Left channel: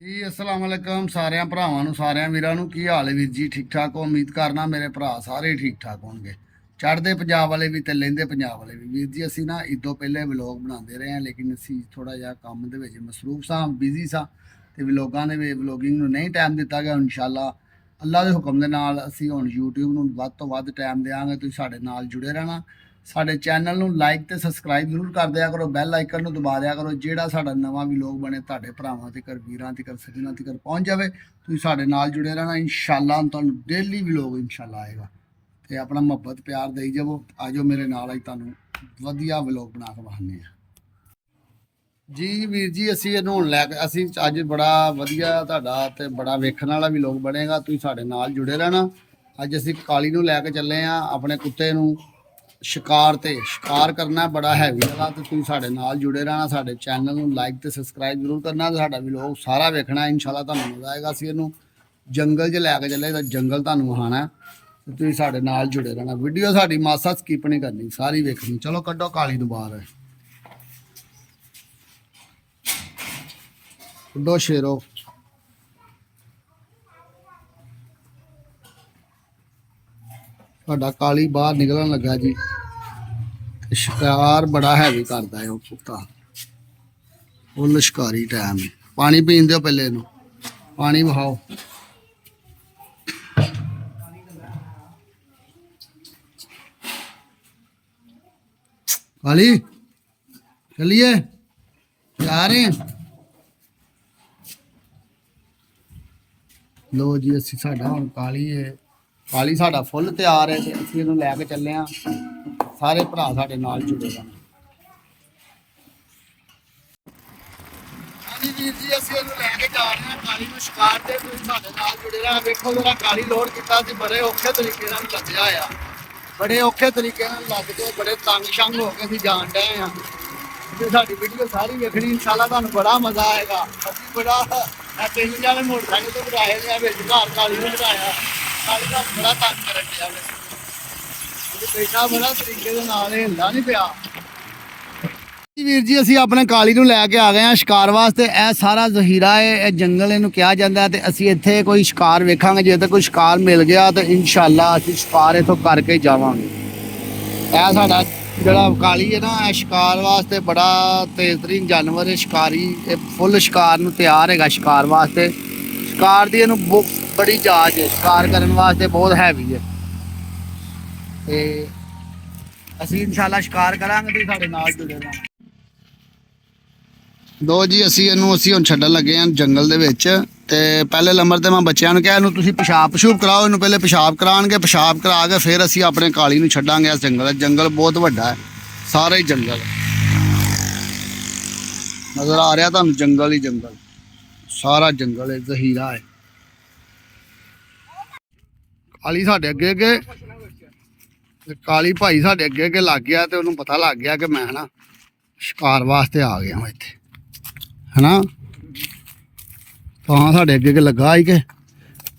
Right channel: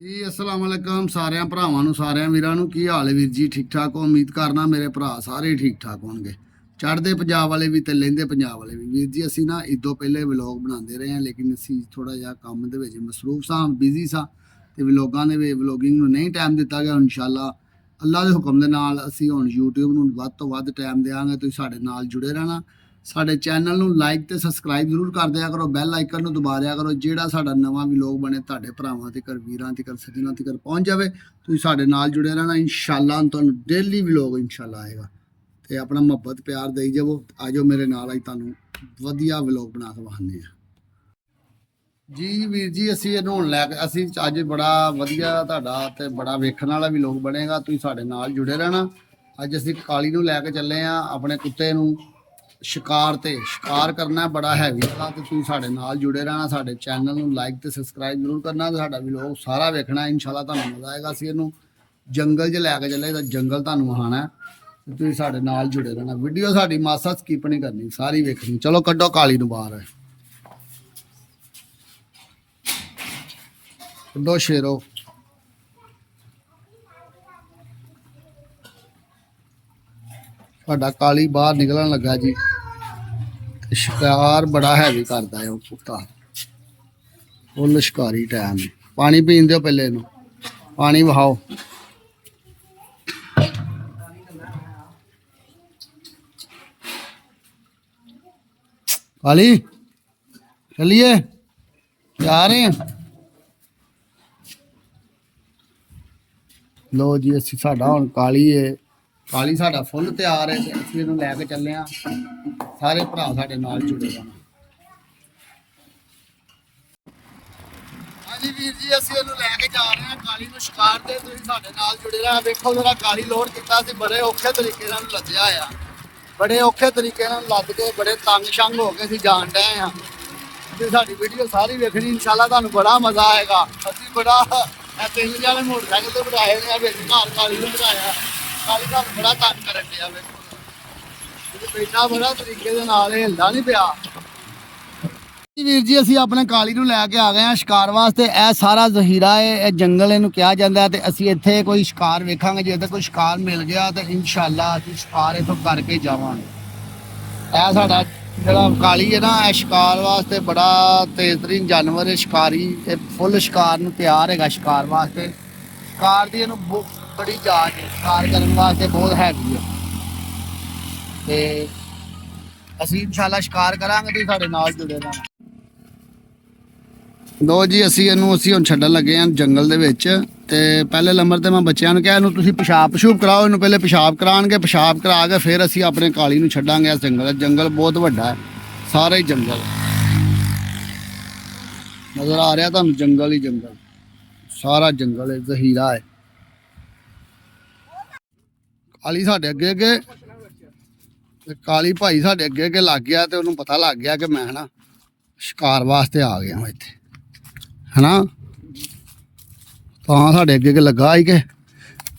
ਜੀ ਅਸਲਾਮ ਵਾਲੇਕਮ ਸਾਰਿਆਂ ਭਰਾਵਾਂ ਨੂੰ ਸਾਰਿਆਂ ਵੀਰਾਂ ਨੂੰ ਕੀ ਹਾਲ ਹੈ ਵੀਰ ਜੀ ਠੀਕ ਠਾਕ ਹੋ ਉਮੀਦ ਕਰਨਾ ਮੇਰੇ ਭਰਾ ਸਾਰੇ ਠੀਕ ਠਾਕ ਹੋਣਗੇ ਚੜ੍ਹਦੇ ਪੰਜਾਬ ਵਾਲੇ ਵੀ ਤੇ ਲਹਿੰਦੇ ਪੰਜਾਬ ਵਾਲੇ ਵੀ ਵੀਰ ਜੀ ਅਸੀਂ ਨਾ ਇਦੋਂ ਪਹਿਲੇ ਵਲੌਗ ਬਣਾਉਂਦੇ ਰਹੇ ਹਾਂ ਲੇਕਿਨ ਅਸੀਂ ਥੋੜਾ ਜਿਹਾ ਕੰਮ ਦੇ ਵਿੱਚ ਮਸਰੂਫ ਸਾਂ ਬਿਜ਼ੀ ਸਾਂ ਤੇ ਵਲੌਗਾਂ ਦੇ ਵਿੱਚ ਵਲੌਗਿੰਗ ਨੂੰ ਨਹੀਂ ਟਾਈਮ ਦਿੱਤਾ ਗਿਆ ਇਨਸ਼ਾਅੱਲਾ ਅੱਲਾ ਦੇ ਹੁਕਮ ਦੇ ਨਾਲ ਅਸੀਂ ਹੁਣ YouTube ਨੂੰ ਵੱਧ ਤੋਂ ਵੱਧ ਟਾਈਮ ਦੇਵਾਂਗੇ ਤੁਸੀਂ ਸਾਡੇ ਨਾਲ ਜੁੜੇ ਰਹਿਣਾ ਸਾਡੇ ਚੈਨਲ ਨੂੰ ਲਾਈਕ ਤੇ ਸਬਸਕ੍ਰਾਈਬ ਜ਼ਰੂਰ ਕਰ ਦਿਆ ਕਰੋ ਬੈਲ ਆਈਕਨ ਨੂੰ ਦਬਾ ਦਿਆ ਕਰੋ ਜਿਹੜਾ ਸਾਡਾ ਨਵਾਂ ਵਲੌਗ ਬਣੇ ਤੁਹਾਡੇ ਭਰਾਵਾਂ ਤੱਕ ਵੀਰਾਂ ਤੱਕ ਸੱਜਣਾਂ ਤੱਕ ਪਹੁੰਚ ਜਾਵੇ ਤੁਸੀਂ ਸਾਡੇ ਨਾਲ ਜੁੜੇ ਰਹਿਣਾ ਇਨਸ਼ਾਅੱਲਾ ਤੁਹਾਨੂੰ ਡੇਲੀ ਵਲੌਗ ਇਨਸ਼ਾਅੱਲਾ ਆਏਗਾ ਤੇ ਆਪਣਾ ਮੁਹੱਬਤ ਪਿਆਰ ਦੇਈ ਜਾਵੋ ਆਜੋ ਮੇਰੇ ਨਾਲ ਅੱਜ ਤੁਹਾਨੂੰ ਵਧੀਆ ਵਲੌਗ ਬਣਾ ਕੇ ਵਿਖਾਉਂਦੇ ਆ ਜੀ ਵੀਰ ਜੀ ਅਸੀਂ ਇਹਨੂੰ ਹੁਣ ਲੈ ਕੇ ਅਸੀਂ ਅੱਜ ਬੜਾ ਵਧੀਆ ਤੁਹਾਡਾ ਤੇ ਬੜਾ ਵੇਖਣ ਵਾਲਾ ਵਲੌਗ ਬਣੇਗਾ ਤੁਸੀਂ ਸਾਡੇ ਨਾਲ ਜੁੜੇ ਰਹਿਣਾ ਅੱਜ ਅਸੀਂ ਕਾਲੀ ਨੂੰ ਲੈ ਕੇ ਚੱਲੇ ਆ ਆਪਣੇ ਕੁੱਤੇ ਨੂੰ शिकार करना बड़ा हैवी वाला तो तुम साढ़े नाल जुड़े रहना साढ़े चैनल में लाइक तो सबसक्राइब जरूर करना तो साढ़ा व्लॉग सारा वेखना इंशाल्लाह तुहानू मज़ा आएगा असीं इहनूं जंगल च लैके चले तो जंगल तुहानू विखाना तो तुम साढ़े नाल जुड़े रहना वीडियो साड़ी मासा स्किप नहीं करनी सारी वेखनी चलो कड्डो काली नूं बाहर कड्डो शेरो साडा काली बाहर निकलन लगा जी शिकार बड़ा हैवी करता है कुत्ता फुल शिकारी टाइम पानी पीन दो पहले इनू पानी बहाओ काली चलिए जा रहे हैं लो जी असी साडा हुण काली है काली साडा फुल तैयार है असीं इहनूं लैके चले हाँ सारे भरा साडे नाल जुड़े रहना हाँ जी वीर जी असीं इहनूं लैके जा रहे हैं काली नूं शिकार ते तुसीं साडे नाल जुड़े रहना वेखो जरा काली लोड कीता सी बड़े औखे तरीके नाल लद्दिया होया बड़े औखे तरीके नाल लद के बड़े तंग शंग हो के असीं जाण डए हाँ ते साडी वीडियो सारी वेखनी इंशाअल्लाह तुहानूं बड़ा मज़ा आएगा असीं बड़ा तीन जाने मोटरसाइकिल ते बिठाए ने विच घर काली नूं बिठाया काली का बड़ा तंग करन दिया बैठा बड़ा तरीके दे नाल हिलदा नहीं पिया वीर जी असीं अपने काली नूं लैके आ गए हैं शिकार वास्ते यह सारा जहीरा है यह जंगल इहनूं कहा जाता है तो असीं इत्थे कोई शिकार वेखांगे जे तो कोई शिकार मिल गया तो इंशाअल्लाह असीं शिकार इत्थों करके जावांगे यह साडा जिहड़ा काली है ना यह शिकार वास्ते बड़ा तेज तरीन जानवर है शिकारी फुल शिकार नूं तैयार हैगा शिकार वास्ते शिकार दी इहनूं बड़ी जाच है शिकार करने वास्ते बहुत हैवी है ते असीं इंशाअल्लाह शिकार करांगे तो साडे नाल जुड़े रहना लो जी असीं हुण छड्डण लगे हैं जंगल दे विच ते पहले नंबर ते मैं बच्चों नूं कहा इहनूं तुसीं पेशाब पशूब कराओ इहनूं पहले पेशाब कराणगे पेशाब करा के फिर असीं अपने काली नूं छड्डांगे इस जंगल बहुत वड्डा है सारा ही जंगल नज़र आ रहा तुहानूं जंगल ही जंगल सारा जंगल है जहीरा है काली साढ़े अगे अगे काली भाई साढ़े अगे अगे लग गया तो उन्होंने पता लग गया कि मैं ना शिकार वास्ते आ गया मैं इत्थे है ना तो हाँ साढ़े अगे अगे लगा ही के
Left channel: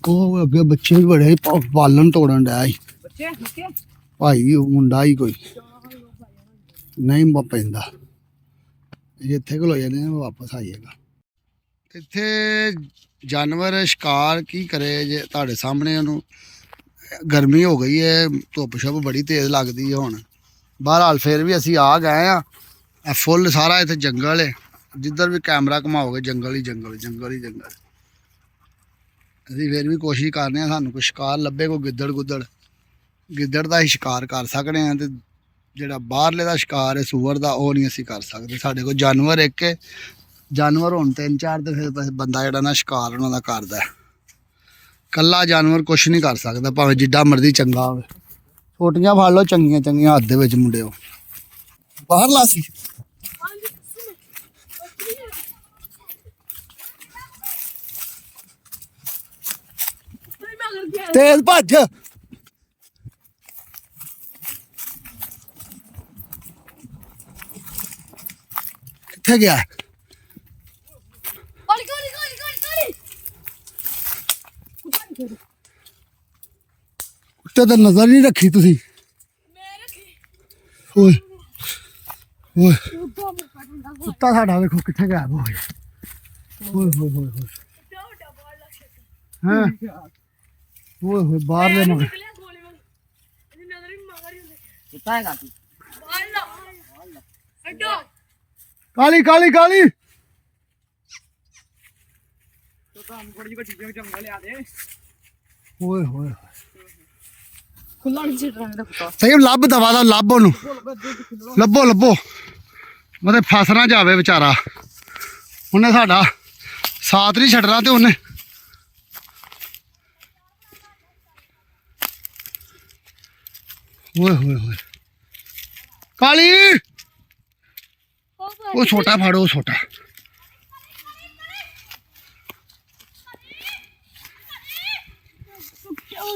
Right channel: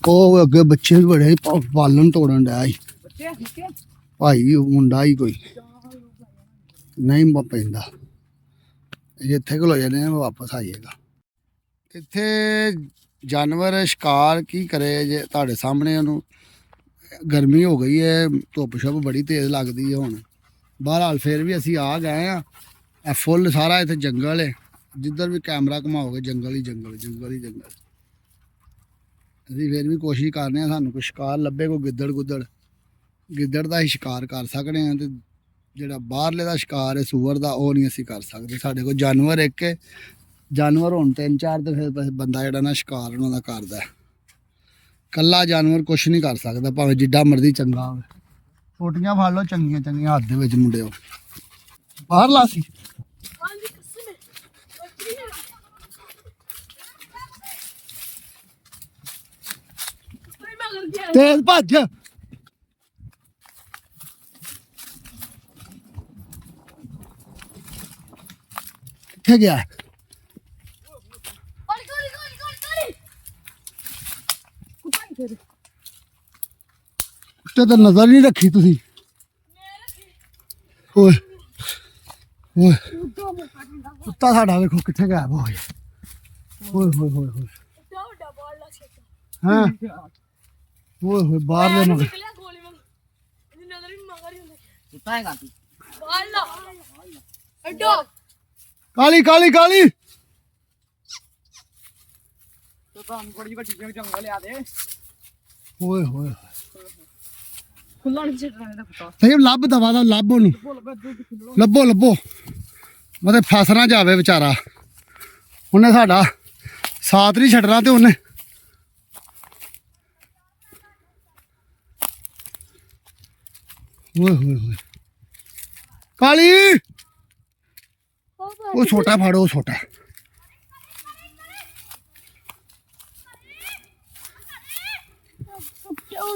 वो अगे बच्चे भी बड़े पालन तोड़न डया भाई मुंडा ही कोई नहीं पैंदा इत्थे खलो जाने वापस आइएगा इत्थे जानवर शिकार की करे जे तुहाडे सामने उन्होंने गर्मी हो गई है धुप शुप बड़ी तेज़ लगती है हुण बहरहाल फिर भी असी आ गए हाँ फुल सारा इत्थे जंगल है जिधर भी कैमरा घुमाओगे जंगल ही जंगल जंगल ही जंगल असी फिर भी कोशिश करने सानू कोई शिकार लभे कोई गिद्दड़ गुद्दड़ गिद्दड़ का ही शिकार कर सकते हैं तो जिहड़ा बाहरले का शिकार है सूअर का वो नहीं असी कर सकते साडे कोल जानवर एक जानवर होण तीन चार तो फिर बंदा जिहड़ा ना शिकार उन्हां दा करदा है कल्ला जानवर कुछ नहीं कर सकता भावें जिड्डा मर्जी चंगा हो छोटियां फड़ लो चंगियां चंगियां हद दे विच मुंडे हो बाहर ला सी तेज भज कित्थे गया तो नजर नहीं रखी तुसी ओए ओए कुत्ता साडा देखो कित्थे गायब हो गया ओए होए होए होए ਹਾਂ ਓਏ ਹੋਏ ਬਾਹਰ ਦੇ ਮਗਰ ਕਾਲੀ ਕਾਲੀ ਕਾਲੀ ਓਏ ਹੋਏ ਸਹੀ ਲੱਭ ਦਵਾ ਦਾ ਲੱਭ ਉਹਨੂੰ ਲੱਭੋ ਲੱਭੋ ਮਤੇ ਫਸ ਨਾ ਜਾਵੇ ਵਿਚਾਰਾ ਉਹਨੇ ਸਾਡਾ ਸਾਥ ਨਹੀਂ ਛੱਡਣਾ ਤੇ ਉਹਨੇ ਓਏ ਹੋਏ ਹੋਏ ਕਾਲੀ ਉਹ ਛੋਟਾ ਫੜੋ ਛੋਟਾ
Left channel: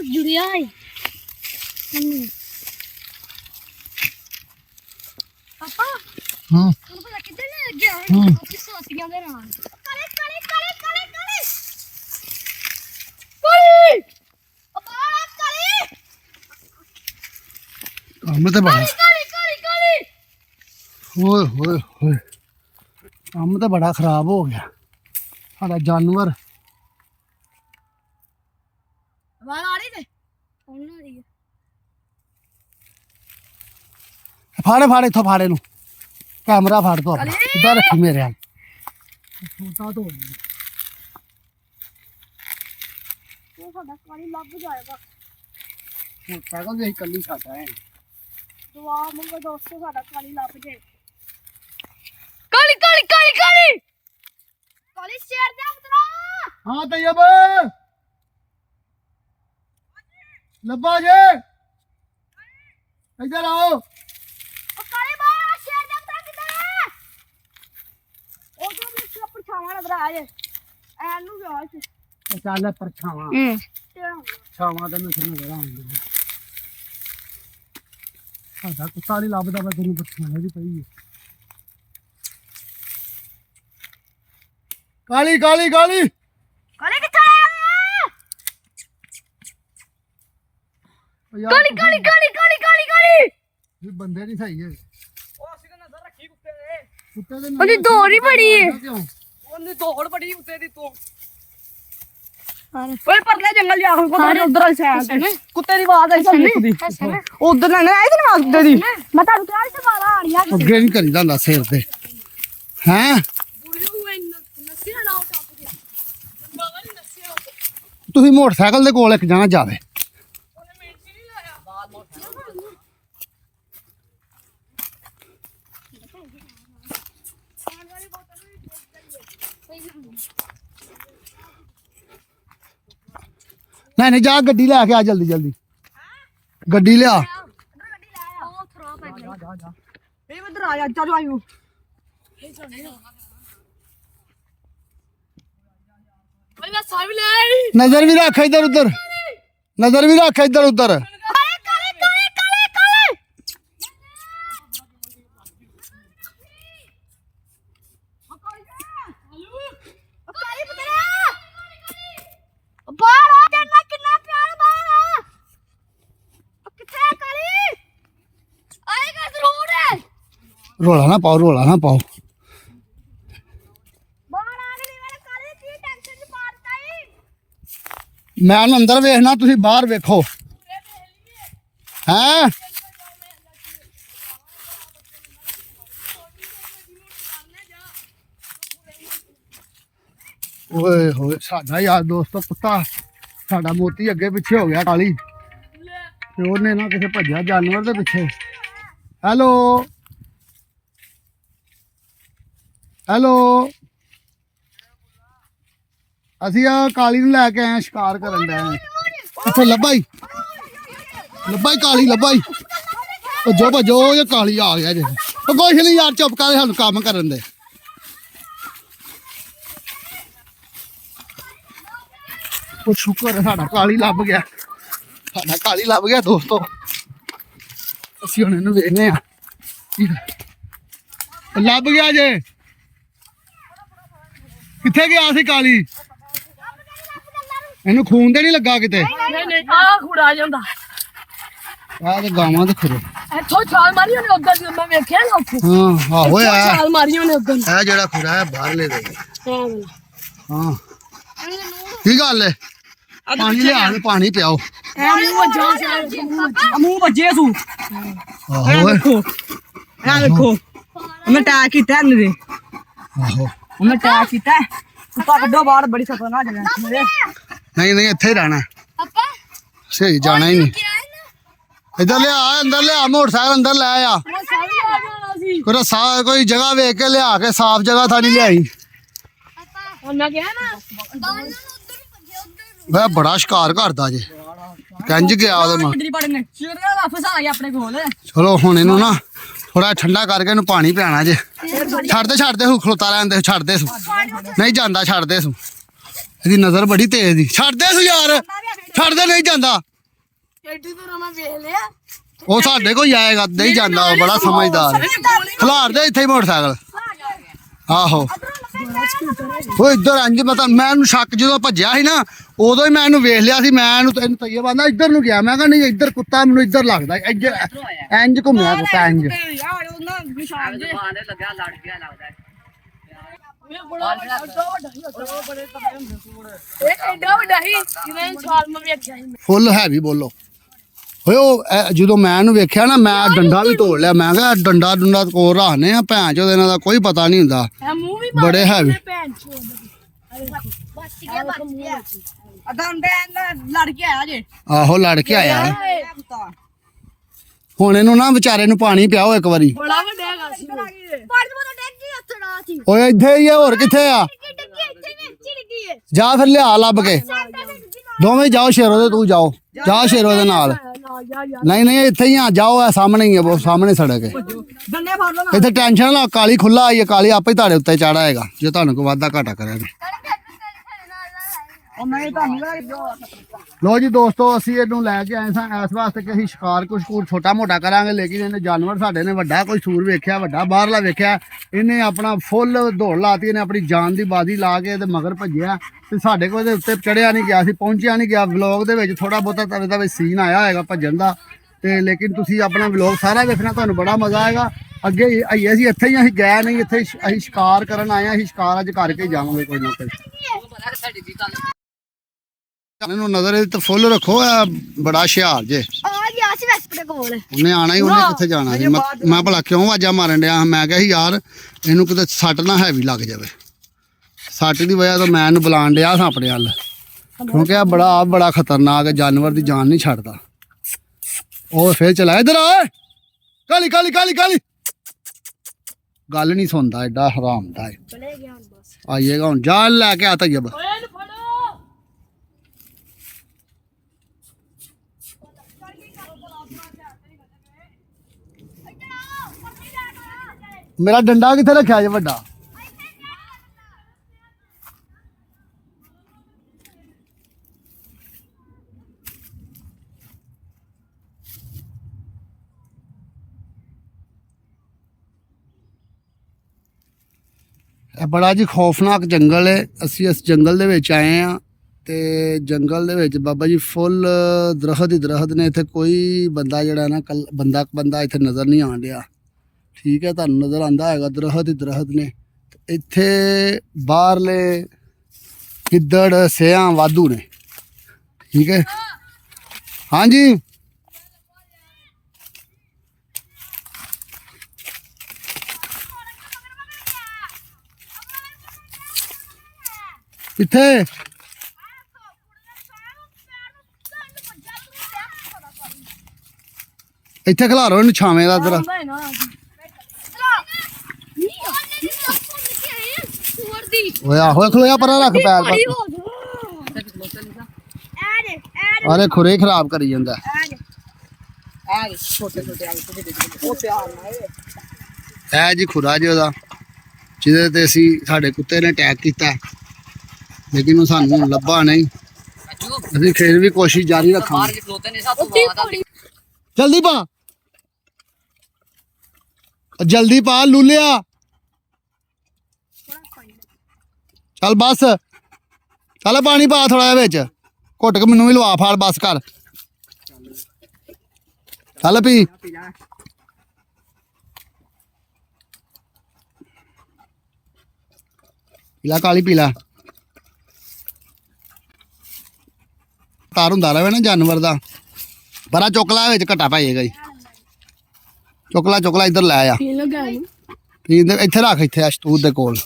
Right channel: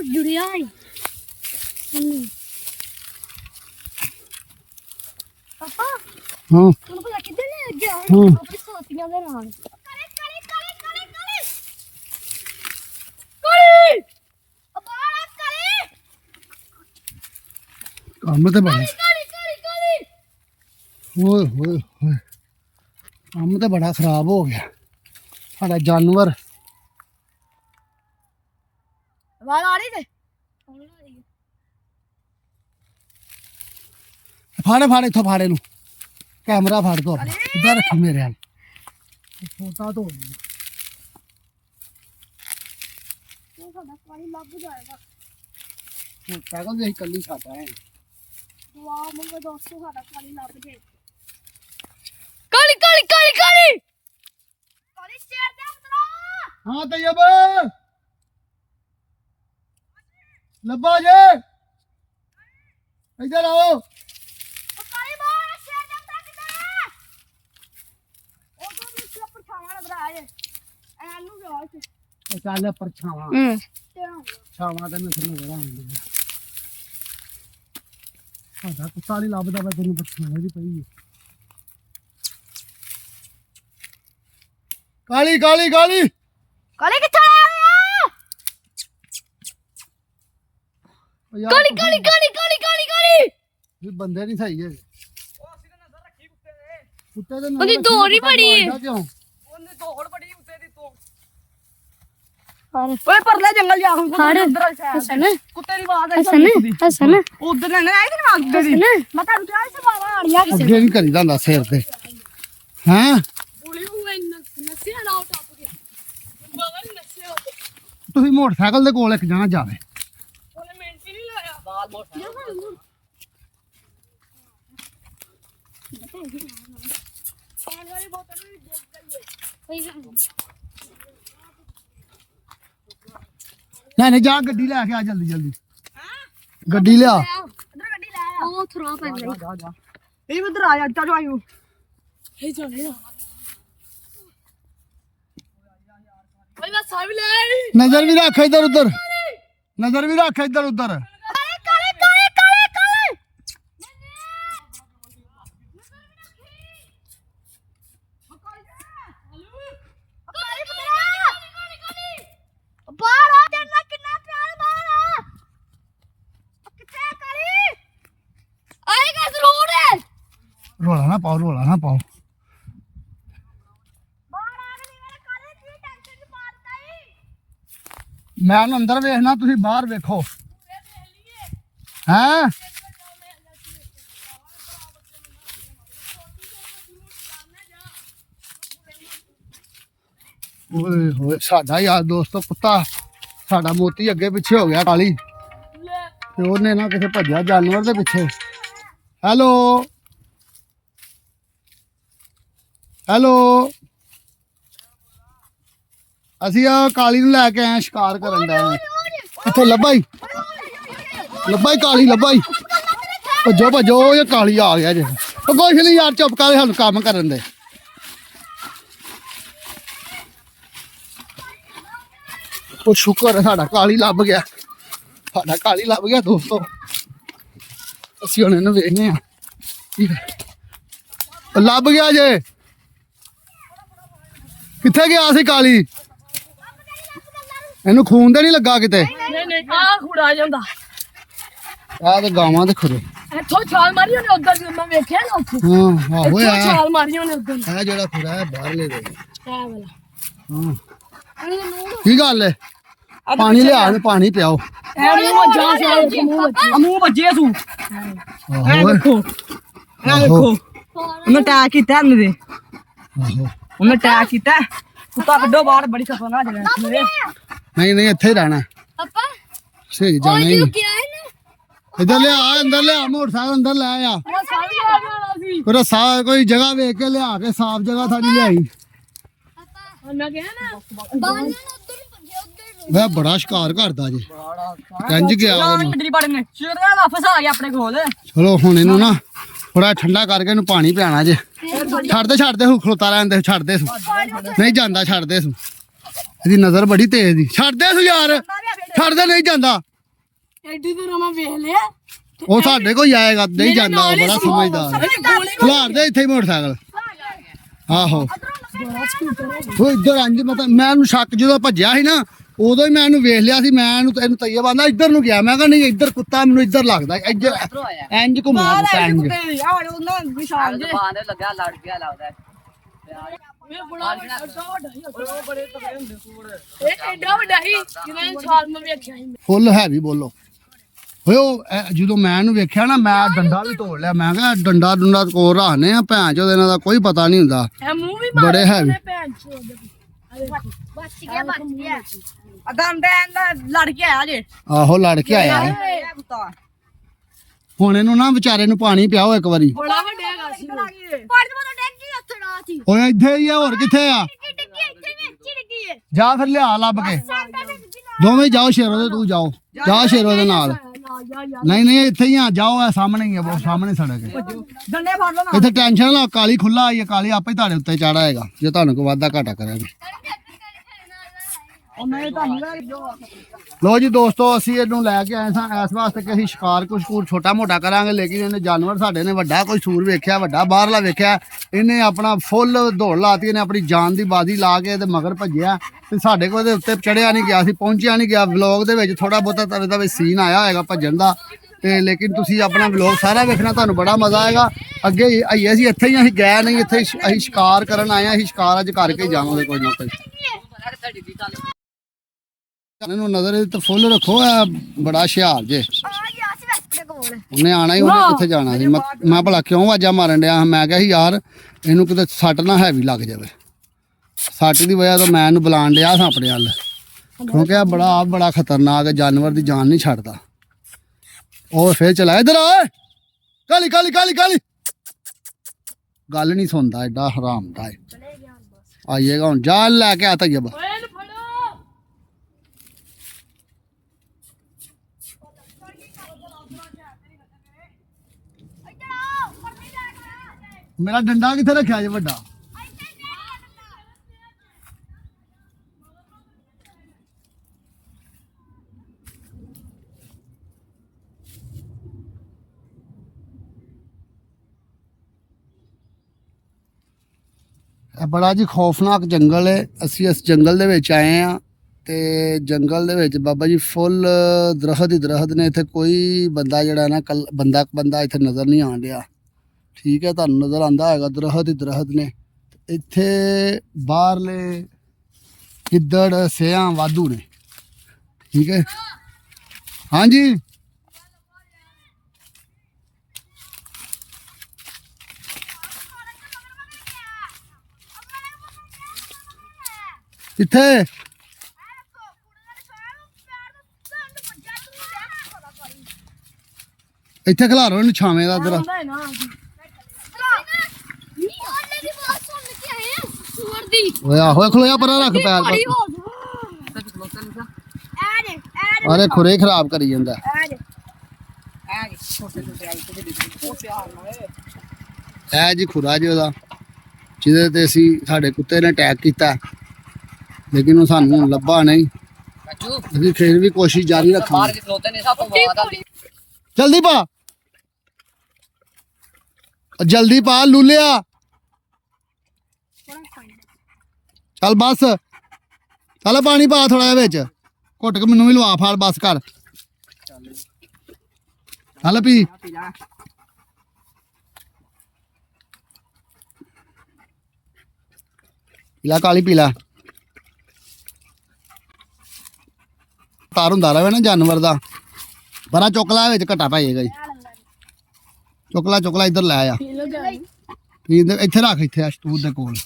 जुड़िया है पापा तुमको कितने लग गया है अपनी साथियों के नाम करे करे करे करे करे करे अब्बा करे ਕੰਮ ਤੇ ਬੜਾ करे करे करे ਓਏ ਹੋਏ ਹੋਏ ਕੰਮ ਤੇ ਬੜਾ ਖਰਾਬ ਹੋ ਗਿਆ ਸਾਡਾ ਜਾਨਵਰ आवाज आ रही है कौन आ रही है ਫਾੜੇ ਫਾੜੇ ਇੱਥੋਂ ਫਾੜੇ ਨੂੰ ਕੈਮਰਾ ਫੜ ਤੋ ਇੱਧਰ ਰੱਖੀ ਮੇਰੇ ਨਾਲ ਛੋਟਾ ਤੋਂ वो साडा पानी लग जाएगा ਸਾਈਕਲ ਦੇ ਕੱਲੀ ਛਾਟਾ ਹੈ दुआ मंगो दोस्तों साडा पानी लग जाए काली काली काली काली काली शेर दे पुत्रा ਹਾਂ ਤैयब ਲੱਭਾ ਜੇ ਇੱਧਰ ਆਓ ओ काली बा शेर दे पुत्रा किधर है ओ जो मुझे परछावा नजर आ जाए एनु जो है ਚੱਲ ਪਰਛਾਵਾਂ तेरा ਛਾਵਾਂ ਤੇ ਨਜ਼ਰ ਨਜ਼ਰ ਆਉਂਦੀ ਸਾਡਾ ਕੁੱਤਾ ਨਹੀਂ ਲੱਭਦਾ ਵਾ ਤੈਨੂੰ ਪਰਛਾਵਾਂ ਦੀ ਪਈ ਹੈ ਕਾਲੀ ਕਾਲੀ ਕਾਲੀ काली किधर है ਉਹ ਯਾਰ काली काली काली काली काली काली ਇਹ ਬੰਦੇ ਨਹੀਂ ਸਹੀ ਹੈਗੇ ਕੁੱਤੇ ਦੇ ਉਹਦੀ ਦੌੜ ਹੀ ਬੜੀ ਹੈ। ਕਿਉਂ ਉਹਨੇ ਦੌੜ ਬੜੀ ਉੱਤੇ ਦੀ ਤੂੰ ओए परले जंगल जा हम ਸਾਰੇ ਉਧਰ ਵਾਲੀ ਸਾਈਡ ਤੇ ਕੁੱਤੇ ਦੀ ਆਵਾਜ਼ ਆਈ हसन ਉਧਰ ਨਾ ਆਈ ਤੇ ਆਵਾਜ਼ ਕੁੱਤੇ ਦੀ मैं तारू क्या से मारा आ रही है ਅੱਗੇ ਨਹੀਂ ਕਰੀਦਾ ਹੁੰਦਾ ਸਿਰ ਤੇ ਹਾਂ ਬੁਲੀ ਹੋਏ ਨਸਿਆ ਨਾ ਬਾਬਾ ਨੇ ਨਸਿਆ ਤੁਸੀਂ ਮੋਟਰਸਾਈਕਲ ਦੇ ਕੋਲ ਇੱਕ ਜਾਣਾ ਜਾਵੇ ਉਹਨੇ ਮਿੰਟ ਹੀ ਨਹੀਂ ਲਾਇਆ ਬਾਲ ਮੋਟਰ ਨਹੀਂ ਨਹੀਂ ਜਾ ਗੱਡੀ ਲੈ ਕੇ ਆ ਜਲਦੀ ਜਲਦੀ ਗੱਡੀ ਲਿਆ ओ थ्रो पे गई ਇਹ ਉਧਰ ਆ ਜਾ ਚਲੋ ਆਇਓ ਇਹ ਜਾਣੇ ਓਏ ਮੈਂ ਸਾਹ ਵੀ ਲੈ ਆਈ ਨਜ਼ਰ ਵੀ ਰੱਖ ਇੱਧਰ ਉੱਧਰ ਨਜ਼ਰ ਵੀ ਰੱਖ ਇੱਧਰ ਉੱਧਰ काले काले काले काले काले काली पुत्रा बाहर आ जाना कितना प्यार बाहर है किथे काली आएगा जरूर है ਰੋਲਾ ਨਾ ਪਾਓ ਰੋਲਾ ਨਾ ਪਾਓ बाहर आ गई मेरे काले की टेंशन नहीं पाता ही ਮੈਂ ਉਹਨੂੰ ਅੰਦਰ ਵੇਖਣਾ ਤੁਸੀਂ ਬਾਹਰ ਵੇਖੋ ਹੈਂ ਓਏ ਹੋਏ ਸਾਡਾ ਯਾਰ ਦੋਸਤੋ ਕੁੱਤਾ ਸਾਡਾ ਮੋਤੀ ਅੱਗੇ ਪਿੱਛੇ ਹੋ ਗਿਆ ਕਾਲੀ ਤੇ ਉਹਨੇ ਨਾ ਕਿਸੇ ਭੱਜਿਆ ਜਾਨਵਰ ਦੇ ਪਿੱਛੇ ਹੈਲੋ ਹੈਲੋ ਅਸੀਂ ਆ ਕਾਲੀ ਨੂੰ ਲੈ ਕੇ ਆਏ ਸ਼ਿਕਾਰ ਕਰਨ ਦਾ ਇੱਥੇ ਲੱਭਾ ਹੀ ਕਾਲੀ ਲੱਭਾ ਹੀ ਭੱਜੋ ਭੱਜੋ ਇਹ ਕਾਲੀ ਆ ਗਿਆ ਜੇ ਉਹ ਕੁਛ ਨਹੀਂ ਯਾਰ ਚੁੱਪ ਕਰ ਸਾਨੂੰ ਕੰਮ ਕਰਨ ਦੇ ਉਹ ਸ਼ੁਕਰ ਹੈ ਸਾਡਾ ਕਾਲੀ ਲੱਭ ਗਿਆ ਦੋਸਤੋ ਅਸੀਂ ਹੁਣ ਇਹਨੂੰ ਵੇਖਨੇ ਆ ਲੱਭ ਗਿਆ ਜੇ ਕਿੱਥੇ ਗਿਆ ਸੀ ਕਾਲੀ ਇਹਨੂੰ ਖੂਨ ਤੇ ਨਹੀਂ ਲੱਗਾ ਕਿਤੇ ਨਹੀਂ ਨਹੀਂ ਆ ਖੁੜਾ ਜਾਂਦਾ ਆਹ ਤੇ ਗਾਵਾਂ ਤੇ ਖਰੋ ਇੱਥੋਂ ਛਾਲ ਮਾਰੀ ਉਹਨੇ ਉਧਰ ਜਦੋਂ ਮੈਂ ਵੇਖਿਆ ਨਾ ਉੱਥੇ ਹਾਂ ਆਹੋ ਆ ਛਾਲ ਮਾਰੀ ਉਹਨੇ ਉਧਰ ਇਹ ਜਿਹੜਾ ਖੁਰਾ ਹੈ ਬਾਹਰਲੇ ਦੇ ਹਾਂ ਹਾਂ ਕੀ ਗੱਲ ਹੈ ਪਾਣੀ ਲਿਆ ਤੇ ਪਾਣੀ ਪਿਆਓ ਮੂੰਹ ਵੱਜੇ ਸੂ ਆਹੋ ਓਏ, ਇਹ ਦੇਖੋ ਉਹਨੇ ਅਟੈਕ ਕੀਤਾ ਇਹਨੇ ਦੇ ਆਹੋ ਉਹਨੇ ਅਟੈਕ ਕੀਤਾ ਕੁੱਤਾ ਕੱਢੋ ਬਾਹਰ ਬੜੀ ਖਤਰਨਾਕ ਜਗ੍ਹਾ ਮੇਰੇ ਨਹੀਂ ਨਹੀਂ ਇੱਥੇ ਹੀ ਰਹਿਣਾ ਪਾਪਾ ਸਹੀ ਜਾਣਾ ਹੀ ਨਹੀਂ ਕੀ ਆਇਆ ਨਾ ਇੱਧਰ ਲਿਆ ਅੰਦਰ ਲਿਆ ਮੋਟਰਸਾਈਕਲ ਅੰਦਰ ਲੈ ਆ ਮੈਂ ਸਾਰੀ ਆ ਜਾਣਾ ਸੀ ਕੋਈ ਕੋਈ ਜਗ੍ਹਾ ਵੇਖ ਕੇ ਲਿਆ ਕੇ ਸਾਫ਼ ਜਗ੍ਹਾ ਥਾਣੀ ਲਿਆਈ ਮੈਂ ਕਿਹਾ ਨਾ ਬਾਹਰ ਨੂੰ ਉੱਧਰ ਨੂੰ ਭੱਜੇ ਉੱਧਰ ਨੂੰ ਮੈਂ ਬੜਾ ਸ਼ਿਕਾਰ ਕਰਦਾ ਜੇ ਕੰਜ ਗਿਆ ਉਹਦੇ ਨਾਲ ਇੰਦਰੀ ਬੜੇ ਨੇ ਸ਼ੇਰ ਦਾ ਵਾਪਸ ਆ ਗਿਆ ਆਪਣੇ ਕੋਲ ਚਲੋ ਹੁਣ ਇਹਨੂੰ ਨਾ ਥੋੜਾ ਠੰਡਾ ਕਰਕੇ ਇਹਨੂੰ ਪਾਣੀ ਪਿਆਣਾ ਜੇ ਛੱਡ ਦੇ ਖਲੋਤਾ ਰਹਿੰਦੇ ਛੱਡ ਦੇ ਸੂ ਨਹੀਂ ਜਾਂਦਾ ਛੱਡ ਦੇ ਸੂ ਇਹਦੀ ਨਜ਼ਰ ਬੜੀ ਤੇਜ਼ ਦੀ ਛੱਡ ਦੇ ਸੂ ਯਾਰ ਛੱਡ ਦੇ ਨਹੀਂ ਜਾਂਦਾ ਐਡੀ ਦੂਰ ਮੈਂ ਵੇਖ ਲਿਆ ਉਹ ਸਾਡੇ ਕੋਲ ਹੀ ਆਏਗਾ ਨਹੀਂ ਜਾਂਦਾ ਉਹ ਬੜਾ ਸਮਝਦਾਰ ਖਿਲਾਰ ਦੇ ਇੱਥੇ ਹੀ ਮੋਟਰਸਾਈਕਲ ਆਹੋ ਉਹ ਇੱਧਰ ਇੰਜ ਮਤਲਬ ਮੈਂ ਇਹਨੂੰ ਸ਼ੱਕ ਜਦੋਂ ਭੱਜਿਆ ਸੀ ਨਾ ਉਦੋਂ ਹੀ ਮੈਂ ਇਹਨੂੰ ਵੇਖ ਲਿਆ ਸੀ ਮੈਂ ਇਹਨੂੰ ਤੈਨੂੰ ਤਈਏ ਬੰਦਾ ਇੱਧਰ ਨੂੰ ਗਿਆ ਮੈਂ ਕਿਹਾ ਨਹੀਂ ਇੱਧਰ ਕੁੱਤਾ ਮੈਨੂੰ ਇੱਧਰ ਲੱਗਦਾ ਇੰਜ ਘੁੰਮਿਆ ਕੁੱਤਾ ਇੰਜ ਯਾਰ ਉਹਨਾਂ ਨਿਸ਼ਾਨ ਦੇ ਦੁਕਾਨ ਤੇ ਲੱਗਾ ਲੜ ਗਿਆ ਲੱਗਦਾ ਇਹ ਬੜਾ ਬੜੇ ਤਗੜੇ ਹੁੰਦੇ ਸੂੜ ਇਹ ਐਡਾ ਵੱਡਾ ਸੀ ਜਿਵੇਂ ਛਾਲ ਮੈਂ ਵੇਖਿਆ ਸੀ ਫੁੱਲ ਹੈਵੀ ਬੋਲੋ ਓਏ ਉਹ ਜਦੋਂ ਮੈਂ ਇਹਨੂੰ ਵੇਖਿਆ ਨਾ ਮੈਂ ਡੰਡਾ ਵੀ ਤੋੜ ਲਿਆ ਮੈਂ ਕਿਹਾ ਡੰਡਾ ਡੁੰਡਾ ਕੋਲ ਰੱਖਨੇ ਆ ਭੈਣ ਚੋਦ ਇਹਨਾਂ ਦਾ ਕੋਈ ਪਤਾ ਨਹੀਂ ਹੁੰਦਾ ਇਹ ਮੂੰਹ ਵੀ ਬੜੇ ਹੈਵੀ ਭੈਣ ਚੋਦ ਬਚ ਗਿਆ ਅਦਮ ਦਾ ਲੜ ਕੇ ਆਇਆ ਜੇ ਆਹੋ ਲੜ ਕੇ ਆਇਆ ਹੈ। ਕੁੱਤਾ ਹੁਣ ਇਹਨੂੰ ਨਾ ਵਿਚਾਰੇ ਨੂੰ ਪਾਣੀ ਪਿਆਓ ਇੱਕ ਵਾਰੀ ਬੜਾ ਵੱਡਾ ਹੈਗਾ ਸੀ ਪਾਣੀ ਤੋਂ ਡੱਗ ਗਈ ਉੱਥੇ ਨਾ ਸੀ ਓਏ ਇੱਥੇ ਹੀ ਆ ਹੋਰ ਕਿੱਥੇ ਆ ਡਿੱਗੀ ਇੱਥੇ ਨਹੀਂ ਡਿੱਗੀ ਹੈ ਜਾ ਫਿਰ ਲਿਆ ਲੱਭ ਕੇ ਸਾਡਾ ਡਿੱਗੀ ਦੋਵੇਂ ਜਾਓ ਸ਼ੇਰੋ ਦੇ ਤੂੰ ਜਾਓ ਜਾ ਸ਼ੇਰੋ ਦੇ ਨਾਲ ਨਹੀਂ ਨਹੀਂ ਇੱਥੇ ਹੀ ਆ ਜਾਓ ਆ ਸਾਹਮਣੇ ਹੀ ਆ ਉਹ ਸਾਹਮਣੇ ਸੜਕ ਹੈ ਡੰਡੇ ਫੜ ਲਓ ਨਾ ਇੱਥੇ ਟੈਨਸ਼ਨ ਨਾ ਕਾਲੀ ਖੁੱਲਾ ਆਈ ਹੈ ਕਾਲੀ ਆਪੇ ਹੀ ਤੁਹਾਡੇ ਉੱਤੇ ਚਾੜਾ ਹੈਗਾ ਜੇ ਤੁਹਾਨੂੰ ਕੋਈ ਵਾਧਾ ਘਾਟਾ ਕਰਿਆ ਉਹ ਮੈਂ ਤੁਹਾਨੂੰ ਲੈ ਕੇ ਜੋ ਲੋ ਜੀ ਦੋਸਤੋ ਅਸੀਂ ਇਹਨੂੰ ਲੈ ਕੇ ਆਏ ਸਾਂ ਇਸ ਵਾਸਤੇ ਕਿ ਅਸੀਂ ਸ਼ਿਕਾਰ ਕੁਛ ਛੋਟਾ ਮੋਟਾ ਕਰਾਂਗੇ ਲੇਕਿਨ ਇਹਨੇ ਜਾਨਵਰ ਸਾਡੇ ਨੇ ਵੱਡਾ ਕੋਈ ਸੂਰ ਵੇਖਿਆ ਵੱਡਾ ਬਾਹਰਲਾ ਵੇਖਿਆ ਇਹਨੇ ਆਪਣਾ ਫੁੱਲ ਦੌੜ ਲਾਤੀ ਇਹਨੇ ਆਪਣੀ ਜਾਨ ਦੀ ਬਾਜ਼ੀ ਲਾ ਕੇ ਇਹਦੇ ਮਗਰ ਭੱਜਿਆ ਤੇ ਸਾਡੇ ਕੋਲ ਇਹਦੇ ਉੱਤੇ ਚੜਿਆ ਨਹੀਂ ਗਿਆ ਸੀ ਪਹੁੰਚਿਆ ਨਹੀਂ ਗਿਆ ਵਲੌਗ ਦੇ ਵਿੱਚ ਥੋੜਾ ਬਹੁਤਾ ਤਵੇ ਦਾ ਸੀਨ ਆਇਆ ਹੋਏਗਾ ਭੱਜਣ ਦਾ ਤੇ ਲੇਕਿਨ ਤੁਸੀਂ ਆਪਣਾ ਵਲੌਗ ਸਾਰਾ ਵੇਖਣਾ ਤੁਹਾਨੂੰ ਬੜਾ ਮਜ਼ਾ ਆਏਗਾ ਅੱਗੇ ਆਈਏ ਅਸੀਂ ਇੱਥੇ ਹੀ ਅਸੀਂ ਗਏ ਨਹੀਂ ਇੱਥੇ ਅਸੀਂ ਸ਼ਿਕਾਰ ਕਰਨ ਆਏ ਹਾਂ ਅਸੀਂ ਸ਼ਿਕਾਰ ਅੱਜ ਕਰਕੇ ਜਾਵਾਂਗੇ ਕੋਈ ਨਾ ਕੋਈ ਇਹਨੂੰ ਨਜ਼ਰ ਇਹਦੇ ਤੇ ਫੁੱਲ ਰੱਖੋ ਆ ਬੜਾ ਹੁਸ਼ਿਆਰ ਜੇ ਆ ਗਿਆ ਸੀ ਵੈਸਪਰੇ ਕੋਲ ਉਹਨੇ ਆਣਾ ਹੀ ਉਹਨੇ ਕਿੱਥੇ ਜਾਣਾ ਸੀ ਮੈਂ ਭਲਾ ਕਿਉਂ ਆਵਾਜ਼ਾਂ ਮਾਰਨ ਡਿਆ ਮੈਂ ਕਿਹਾ ਸੀ ਯਾਰ ਇਹਨੂੰ ਕਿਤੇ ਸੱਟ ਨਾ ਹੈਵੀ ਲੱਗ ਜਾਵੇ ਸੱਟ ਦੀ ਵਜ੍ਹਾ ਤੋਂ ਮੈਂ ਇਹਨੂੰ ਬੁਲਾਣ ਡਿਆ ਸਾਂ ਆਪਣੇ ਵੱਲ ਕਿਉਂਕਿ ਆ ਬੜਾ ਖਤਰਨਾਕ ਹੈ ਜਾਨਵਰ ਦੀ ਜਾਨ ਨਹੀਂ ਛੱਡਦਾ ਉਹ ਫੇਰ ਚਲਾ ਇਧਰ ਆ ਕਾਲੀ ਕਾਲੀ ਕਾਲੀ ਕਾਲੀ ਗੱਲ ਨਹੀਂ ਸੁਣਦਾ ਐਡਾ ਹਰਾਮ ਦਾ ਆਈਏਗਾ ਹੁਣ ਜਾਨ ਲੈ ਕੇ ਆਤਾ ਜਬ ਓਏ ਇਹਨੂੰ ਫੜੋ ਮੇਰਾ ਡੰਡਾ ਕਿੱਥੇ ਰੱਖਿਆ ਜੇ ਵੱਡਾ ਇਹ ਬੜਾ ਜੀ ਖੌਫਨਾਕ ਜੰਗਲ ਹੈ ਅਸੀਂ ਇਸ ਜੰਗਲ ਦੇ ਵਿੱਚ ਆਏ ਆ ਤੇ ਜੰਗਲ ਦੇ ਵਿੱਚ ਬਾਬਾ ਜੀ ਫੁੱਲ ਦਰਖਤ ਹੀ ਦਰਖਤ ਨੇ ਇੱਥੇ ਕੋਈ ਬੰਦਾ ਜਿਹੜਾ ਨਾ ਬੰਦਾ ਇੱਥੇ ਨਜ਼ਰ ਨਹੀਂ ਆਉਣ ਡਿਆ ਠੀਕ ਹੈ ਤੁਹਾਨੂੰ ਨਜ਼ਰ ਆਂਦਾ ਹੈਗਾ ਦਰਖਤ ਹੀ ਦਰਖਤ ਨੇ ਇੱਥੇ ਬਾਹਰਲੇ ਗਿੱਦੜ ਸਿਆਂ ਵਾਧੂ ਨੇ ਠੀਕ ਹੈ ਹਾਂਜੀ ਕਿੱਥੇ ਇੱਥੇ ਖਿਲਾਰੋ ਇਹਨੂੰ ਛਾਵੇਂ ਦਾ ਇੱਧਰ ਹੁੰਦਾ ਹੈ ਨਾ ਓਏ ਆਹੋ ਖਲੋਇਆ ਪਰਾਂ ਰੱਖ ਪੈਰ ਪਰ ਅਰੇ ਖੁਰੇ ਖਰਾਬ ਕਰੀ ਜਾਂਦਾ ਇਹ ਜੀ ਖੁਰਾ ਜੀ ਉਹਦਾ ਜਿਹਦੇ ਤੇ ਅਸੀਂ ਸਾਡੇ ਕੁੱਤੇ ਨੇ ਅਟੈਕ ਕੀਤਾ ਲੇਕਿਨ ਉਹ ਸਾਨੂੰ ਹੁਣ ਲੱਭਾ ਨਹੀਂ ਅਸੀਂ ਫਿਰ ਵੀ ਕੋਸ਼ਿਸ਼ ਜਾਰੀ ਰੱਖਾਂਗੇ ਜਲਦੀ ਪਾ ਜਲਦੀ ਪਾ ਲੂਲਿਆ ਚੱਲ ਬਸ ਚੱਲ ਪਾਣੀ ਪਾ ਥੋੜਾ ਜਿਹਾ ਵਿੱਚ ਘੁੱਟ ਕੇ ਮੈਨੂੰ ਵੀ ਲਵਾ ਫਾਲ ਬਸ ਕਰ ਚੱਲ ਪੀ ਪੀਲਾ ਕਾਲੀ ਪੀਲਾ ਤਾਰ ਹੁੰਦਾ ਰਵੇ ਨਾ ਜਾਨਵਰ ਦਾ ਬੜਾ ਚੁੱਕਲਾ ਵਿੱਚ ਘਟਾ ਪਾਏਗਾ ਜੀ ਚੁੱਕਲਾ ਇੱਧਰ ਲੈ ਆ ਪੀ ਲਗਾ ਇੱਥੇ ਰੱਖ ਇੱਥੇ ਅਸ਼ਤੂਤ ਦੇ ਕੋਲ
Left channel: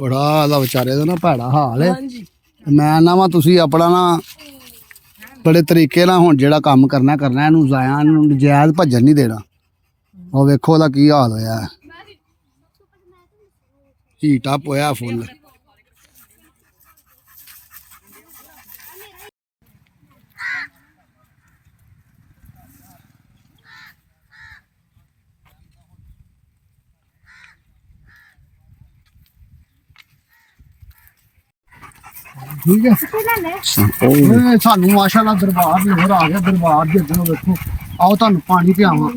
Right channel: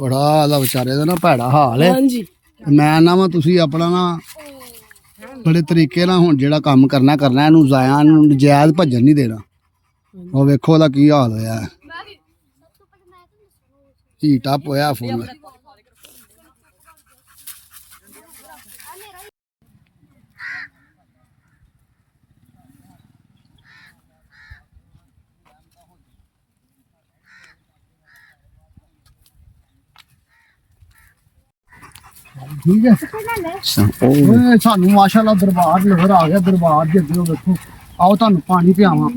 ਬੜਾ ਦਾ ਵਿਚਾਰੇ ਦਾ ਨਾ ਭੈੜਾ ਹਾਲ ਹੈ ਹਾਂਜੀ ਮੈਂ ਨਾ ਵਾ ਤੁਸੀਂ ਆਪਣਾ ਨਾ ਬੜੇ ਤਰੀਕੇ ਨਾਲ ਹੁਣ ਜਿਹੜਾ ਕੰਮ ਕਰਨਾ ਇਹਨੂੰ ਜ਼ਾਇਆ ਨੂੰ ਨਜਾਇਜ਼ ਭੱਜਣ ਨਹੀਂ ਦੇਣਾ ਉਹ ਵੇਖੋ ਉਹਦਾ ਕੀ ਹਾਲ ਹੋਇਆ ਹੀਟਾ ਪੋਇਆ ਫੁੱਲ ਠੀਕ ਹੈ ਓਏ ਸਾਨੂੰ ਮਾਸ਼ਾਅੱਲਾ ਦਰਬਾਰ ਨਜ਼ਰ ਆ ਗਿਆ ਦਰਬਾਰ ਦੇ ਅੱਗੇ ਵੇਖੋ ਆਓ ਤੁਹਾਨੂੰ ਪਾਣੀ ਪਿਆਵਾਂ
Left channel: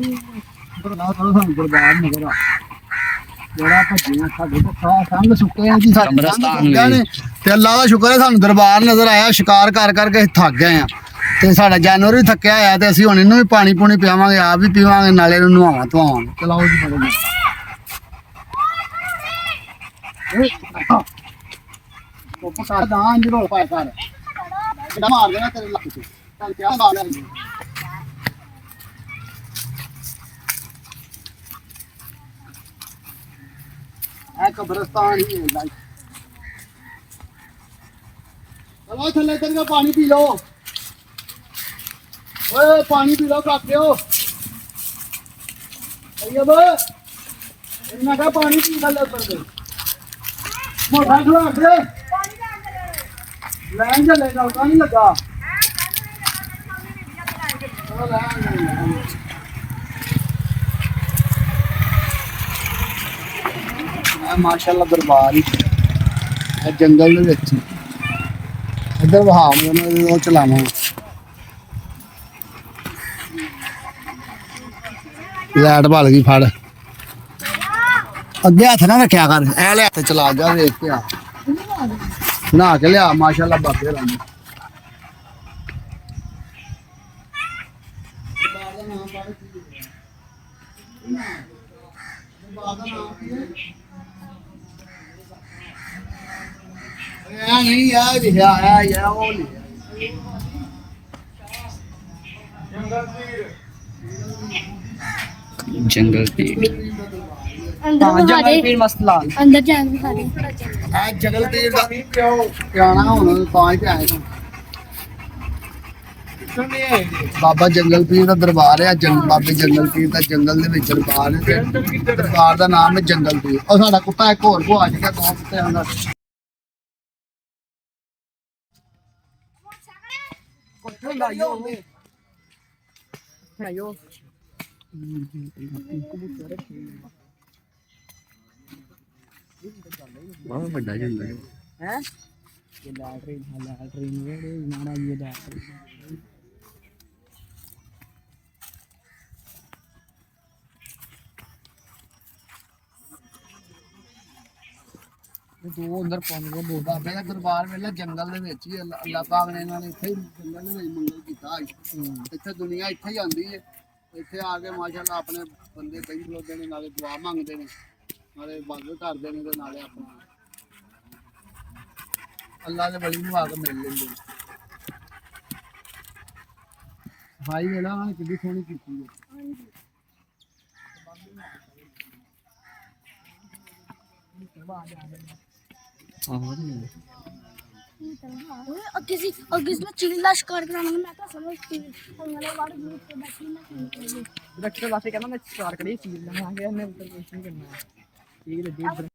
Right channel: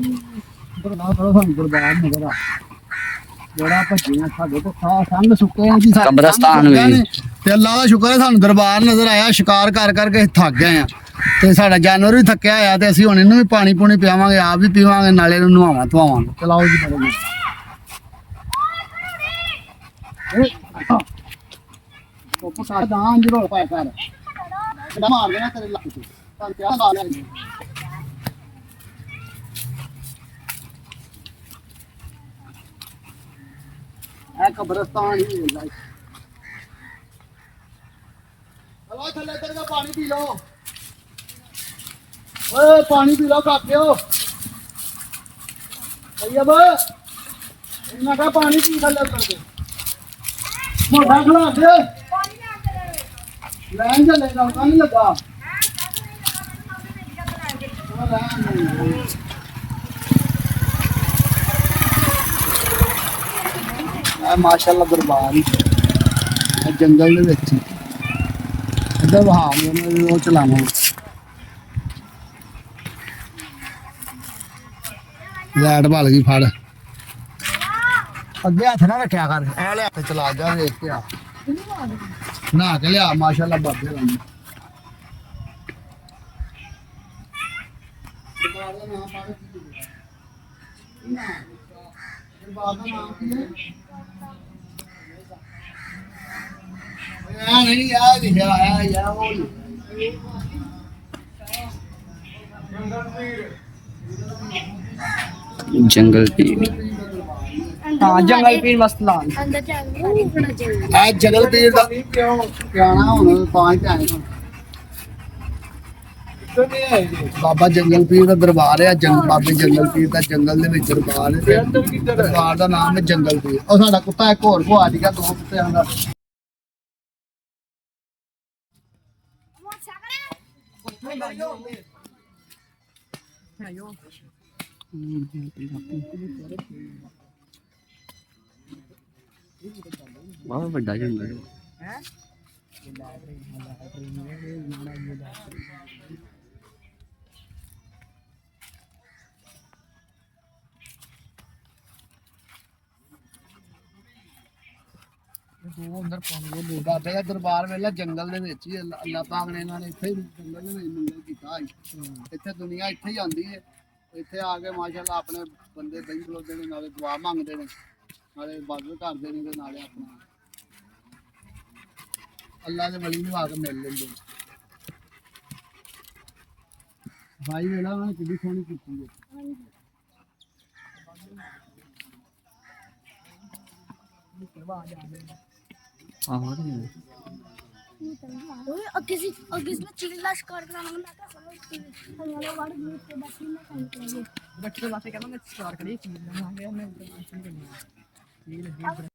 ਬਰਲਾ ਥੋੜਾ ਸਾਨੂੰ ਦਰਬਾਰ ਨਜ਼ਰ ਆ ਜਿਹੜਾ ਭੱਜਿਆ ਸਾਡੇ ਤੋਂ ਸੰਗ ਸੁੱਕੇ ਆ ਜੀ ਕਬਰਸਤਾਨ ਨੇ ਤੇ ਅੱਲਾ ਦਾ ਸ਼ੁਕਰ ਹੈ ਸਾਨੂੰ ਦਰਬਾਰ ਨਜ਼ਰ ਆਇਆ ਸ਼ਿਕਾਰ ਕਰ ਕਰਕੇ ਥੱਕ ਗਏ ਆ ਤੇ ਸਾਡਾ ਜਾਨਵਰ ਵੀ ਥੱਕਿਆ ਹੋਇਆ ਤੇ ਅਸੀਂ ਹੁਣ ਇਹਨੂੰ ਵੀ ਪਾਣੀ ਪੂਣੀ ਪਿਆਵਾਂਗੇ ਆਪ ਵੀ ਪੀਵਾਂਗੇ ਨਾਲੇ ਇਹਨੂੰ ਨਹਾਵਾਂ ਧਵਾਵਾਂਗੇ ਚਲਾਓ ਜੀ ਬੜੇ ਉਹ ਪਕਾ ਦਾਂ ਜੀ ਰੋਲ ਪਾਇਆ ਕਰ ਕਿਹੜਾ ਮਾਰ ਦੇਣਾ ਤੇਰੇ ਲੱਕ ਤੇ ਤਾਂ ਕਿਆ ਖਾ ਲਿਆ ਇਹ ਕਬਰਸਤਾਨ ਹੀ ਹੈ ਲਾਈ ਚਲੋ ਥੱਲੇ ਤੇਰੇ ਕੋ ਪਾਣੀ ਪੀ ਲਓ ਓਏ ਪਾਣੀ ਪੀ ਲਓ ਕਾਕਿਓ ਅਯਬ ਇਹਨਾਂ ਦਾ ਪਾਣੀ ਪੀ ਥੱਲੇ ਉੱਤਰ ਦੇ ਮੋਟਾ ਖਲਾ ਦੇ ਲੈਣ ਚੱਲੇਗਾ ਉਹ ਨਹੀਂ ਲੱਗਾ ਮਾਸ਼ਾਅੱਲਾ ਦਰਬਾਰ ਹੀ ਜੰਗਲ ਦੇ ਵਿੱਚ ਇੱਧਰ ਵਹਾ ਉਹ ਚਲਾਣਾ ਲਾਈਟ ਭਲ ਗਈ ਫੜ ਅੱਗੇ ਹੱਥ ਨਾ ਰੱਖਿਆ ਕਰ ਐ ਲੈ ਹੱਥ ਚਲਾ ਜਾ ਵੇਖ ਕੇ ਆ ਨਹਾ ਕੇ ਲਿਆ ਮਾਸ਼ਾਅੱਲਾ ਬਾਬੇ ਰੰਗ ਨਹੀਂ ਆ ਲਿਖਿਆ ਆ ਯਾਰ ਉਹ जंगल पीड़ ਜੰਗਲ ਪੀਰ ਮਸਲਾ ਅੰਦਰ ਜਾਣ ਸਾਰੇ ਥੋੜਾ ਜੰਗਲ ਆ ਜਗਲ ਪੀਰ ਦਾ ਪਿਆਣਾ ਹੁਣ ਤਾਂ ਹੀ ਆਏ ਬਾਬਾ ਜੰਗਲ ਪੀਰ ਦਾ ਦਰਬਾਰ ਹੈ ਬਾਬੇ ਜੰਗਲ ਪੀਰ ਦਾ ਜੰਗਲ ਦੇ ਵਿੱਚ ਦਰਬਾਰ ਹੈ ਤੇ ਦਰਬਾਰ ਦਾ ਨਾਮ ਹੈ ਜੰਗਲ ਪੀਰ ਉਹ ਸਾਡਾ ਕੁੱਤਾ ਇੱਕ ਹੋਰ ਕੋ ਆ ਗਿਆ ਦੋ ਕੁੱਤਿਆਂ ਦਾ बहुत बड़ा जंगल है ਦੋ ਅੰਦਰ ਪਾਉਂਦੇ ਦੋ ਬਾਬੇ ਦਾ ਦਰਬਾਰ ਵੇਲਾ ਜੰਗਲ ਦੇ ਵਿੱਚ ਹੀ ਅੱਲਾਹ ਪਾਕ ਨੇ ਇਹਨਾਂ ਨੇ ਇੱਥੇ ਹੀ ਜੰਗਲ ਦੇ ਵਿੱਚ ਮੰਗਲ ਕੀਤਾ ਇੱਥੇ ਦੁਨੀਆ ਇੱਥੇ ਹੀ ਆਉਂਦੀ ਹੈ ਇੱਥੇ ਆ ਕੇ ਮਾਸ਼ਾਅੱਲਾ ਆਪਣੇ ਬੰਦੇ ਦਹੀਂ ਖਲੋਦੇ ਨੇ ਨਾਲੇ ਦੁਆ ਮੰਗਦੇ ਨੇ ਨਾਲੇ ਇਬਾਦਤ ਕਰਦੇ ਨੇ ਤੇ ਨਾਲੇ ਆਪਣਾ ਅੱਲਾਹ ਦੇ ਵਲੀ ਨੂੰ ਆ ਕੇ ਮਿਲ ਲੈਂਦੇ ਭਾਈ ਵੇਲਾ ਉਹਨਾਂ ਨੇ ਕਿੰਨੀ ਸੋਹਣੀ ਕੀਤੀ ਹੈ ਅੱਗੇ ਸੀ ਚੀਲ ਦਾ ਸ਼ਿਕਾਰ ਕਰਾਂਗਾ ਮੈਂ ਤਾਂ ਸਮਝ ਕੇ ਹਮਾਰੇ ਵਾੜ ਗਰੁੱਪ ਤੇ ਬੈਠੀ ਮੈਂ ਕੰਮ ਕਰਾਂਗੇ ਬੱਚੇ ਵਾਸਤੇ ਕਹਿੰਦਾ ਮੈਂ ਸਟਾਰਟ ਕਰੀ ਚੀਜ਼ ਲਵਾਂਗੇ ਮੈਂ ਇੰਟਰਵਿਊ ਕਰਨੀ ਹੈ ਠੀਕ ਹੈ